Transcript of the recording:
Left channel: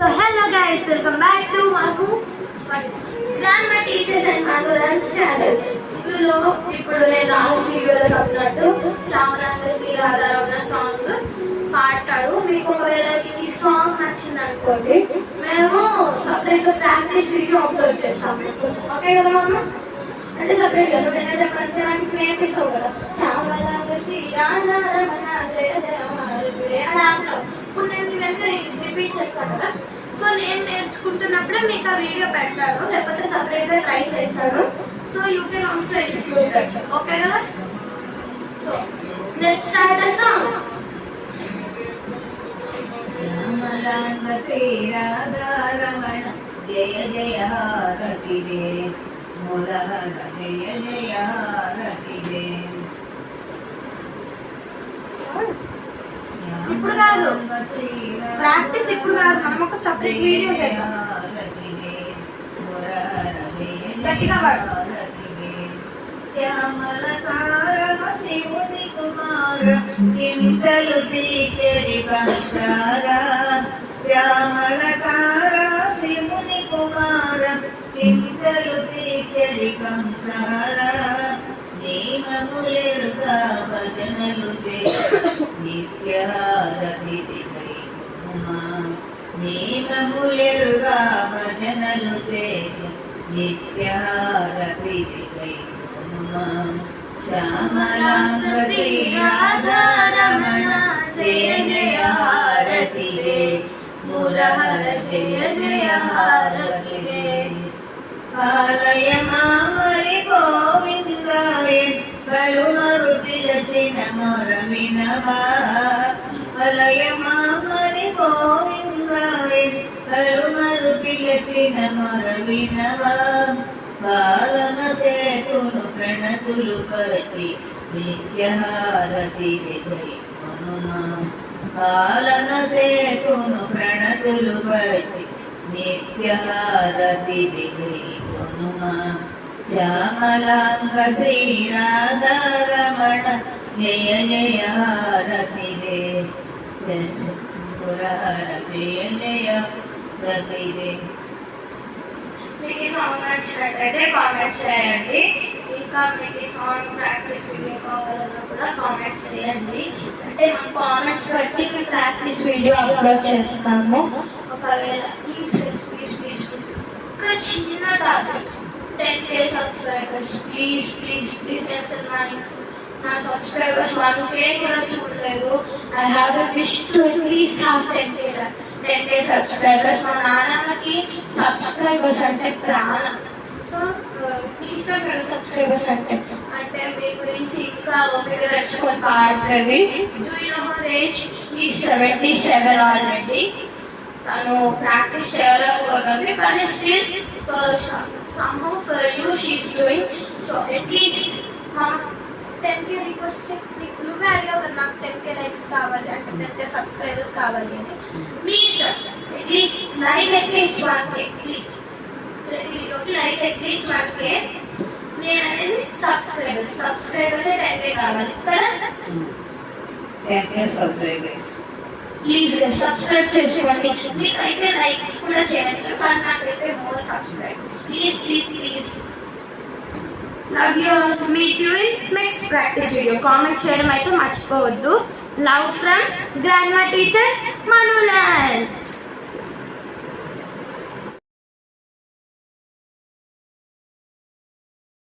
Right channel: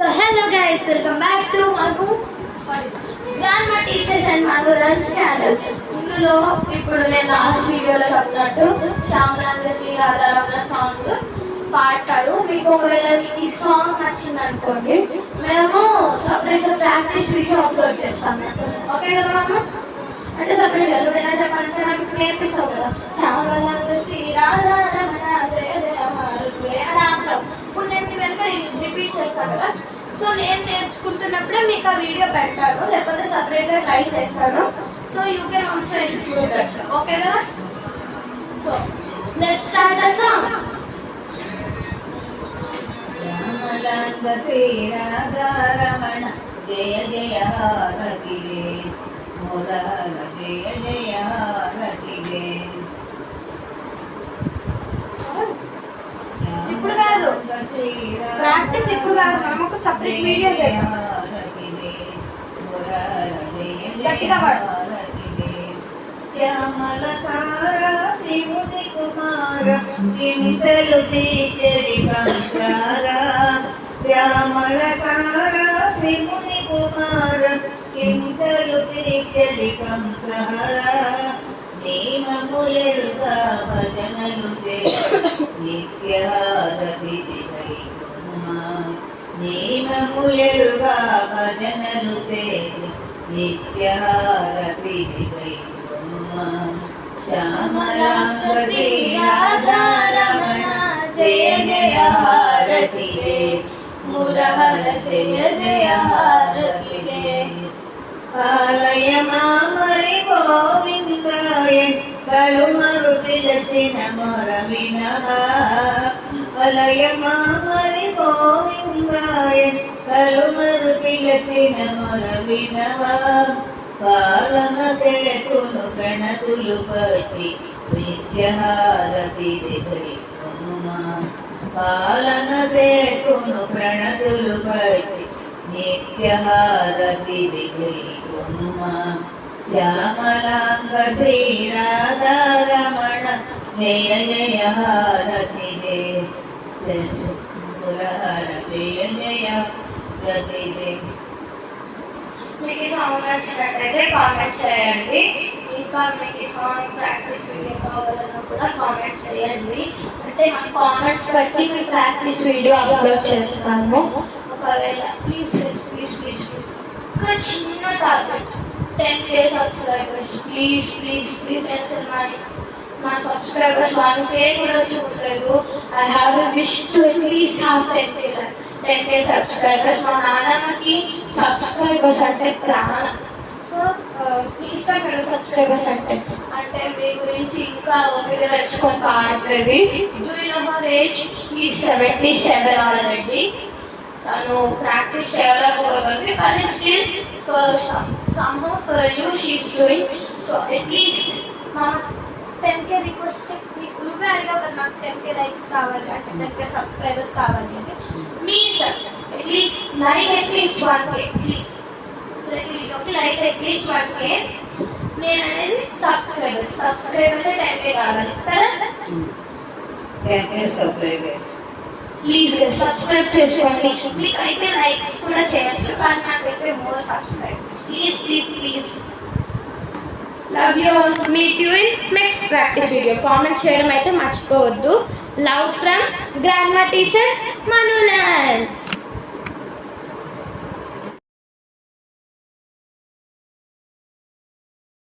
So hello guys, welcome back to Manu Grandma Teachers and Manu's channel. ఇందులో ఇప్పుడు నేను last వీడియోలో చెప్పినట్టు శ్యామలాంగ శ్రీ రాధారమణ సాంగ్ పాడతాడు. మీకు ఒకవేళ ఈ సాంగ్ నచ్చింది అనుకోండి, మేము సపరేట్గా ప్రాక్టీస్ వీడియో అప్లోడ్ చేస్తాము. ఓకే కదా అమ్మ? అంటే సపరేట్గా నువ్వు ఎలా చెప్పాలంటే నాకు ఇప్పుడు నేర్పిస్తావు కదా, శ్యామలాంగ శ్రీ రాధారమణ జయ జయ హారులే అని ఆపుతావు. ఇప్పుడు నేను వెనక రిపీట్ చేస్తాను కదా, సో నేను నేర్చుకుంటున్నప్పుడే మీకు ఆ వీడియో పెడతాను, లేకపోతే సపరేట్గా ట్రై చేస్తాను. So you can also include that. Okay కదా? So let's start the song. శ్యామలాంగ శ్రీ రాధారమణ జయ జయ హారతి దే మురార జయ జయ హారతి దే. ఇప్పుడు కాదు, ప్రాక్టీస్ ఇప్పుడు కాదు, మనం ఒక సపరేట్ వీడియో చేద్దాం. గట్టిగా పాడు. శ్యామలకార శివుని కుమార చింతలు తీర్చడి బంగార. శ్యామలకార శివుని కుమార చింతలు తీర్చడి కంసార. నియమములెరుగా భజనలు నిత్యహారతి నియమములెరుగా భజనలు నిత్యహారతి శ్యామలాంగ శ్రీ రాధారమణ జయ జయ హారతి దే మురహర జయ జయ హారతి దే. పాలయ మామరి గోవిందాయ కలుమరు పిలచిన మొర వినవా. పాలయ మామరి గోవిందాయ కలుమరు పిలచిన మొర వినవా. పాలన సేతును ప్రణతులు పట్టి నిత్యహారతి హనుమా. పాలన సేతును ప్రణతులు పట్టి నిత్యహారతి హనుమా. శ్యామలాంగ శ్రీ రాధారమణ జయ జయ హారతి దే మురహర జయ జయ హారతి దే. మీకు ఈ సాంగ్ నచ్చినట్టయితే కామెంట్ చేయండి. ఇంకా మీకు ఈ సాంగ్ ప్రాక్టీస్ వీడియో కావాలన్నా కూడా కామెంట్ చేయండి. అంటే మనం కామెంట్స్ బట్టి మేము ప్రాక్టీస్ వీడియో అప్లోడ్ చేస్తాము. ఒకవేళ ప్లీజ్ ప్లీజ్ ప్లీజ్ ఒక చిన్న target 10K subscribers. Please please please. నేను అసలు నా సబ్స్క్రైబర్స్ 1K కూడా చూడలేదు. I have a wish to at least have 10K subscribers. మా నాన్నకి సబ్స్క్రైబర్స్ అంటే ప్రాణం. సో మీకు ఇష్టం కదా సబ్స్క్రైబర్స్ అంటే మీ గురించి ఇంకా ఓపిక తెచ్చుకొని పాడుతుంది. Do you know her age? Is 77 already. తను ప్రాక్టీస్ చేయలేకపోతుంది, కానీ still somehow for you she is doing. So at least మనం 10K రిక్వెస్ట్ నువ్వే అడిగావు కదా, నాకు 10K లైక్స్ కావాలి అంటే 10K సబ్స్క్రైబర్స్ కావాలి అంటే మీ ఇష్టం. At least like at least 1K please. ప్రతి వీడియోకి లైక్ అట్లీస్ట్ 1K. నేను అనేది సబ్స్క్రైబర్స్ 10K కావాలి కదా. 10K సబ్స్క్రైబర్స్ ప్లీజ్ సబ్స్క్రైబ్ చేసుకోండి. మీకైతే లైక్స్ కూడా చేయొచ్చు, కానీ నాకైతే more subscribers please please please. Love you all. Meet you in next practice video. Comment చేయడం అయితే మర్చిపోవద్దు. Love from grandma teachers మనులాండ్స్.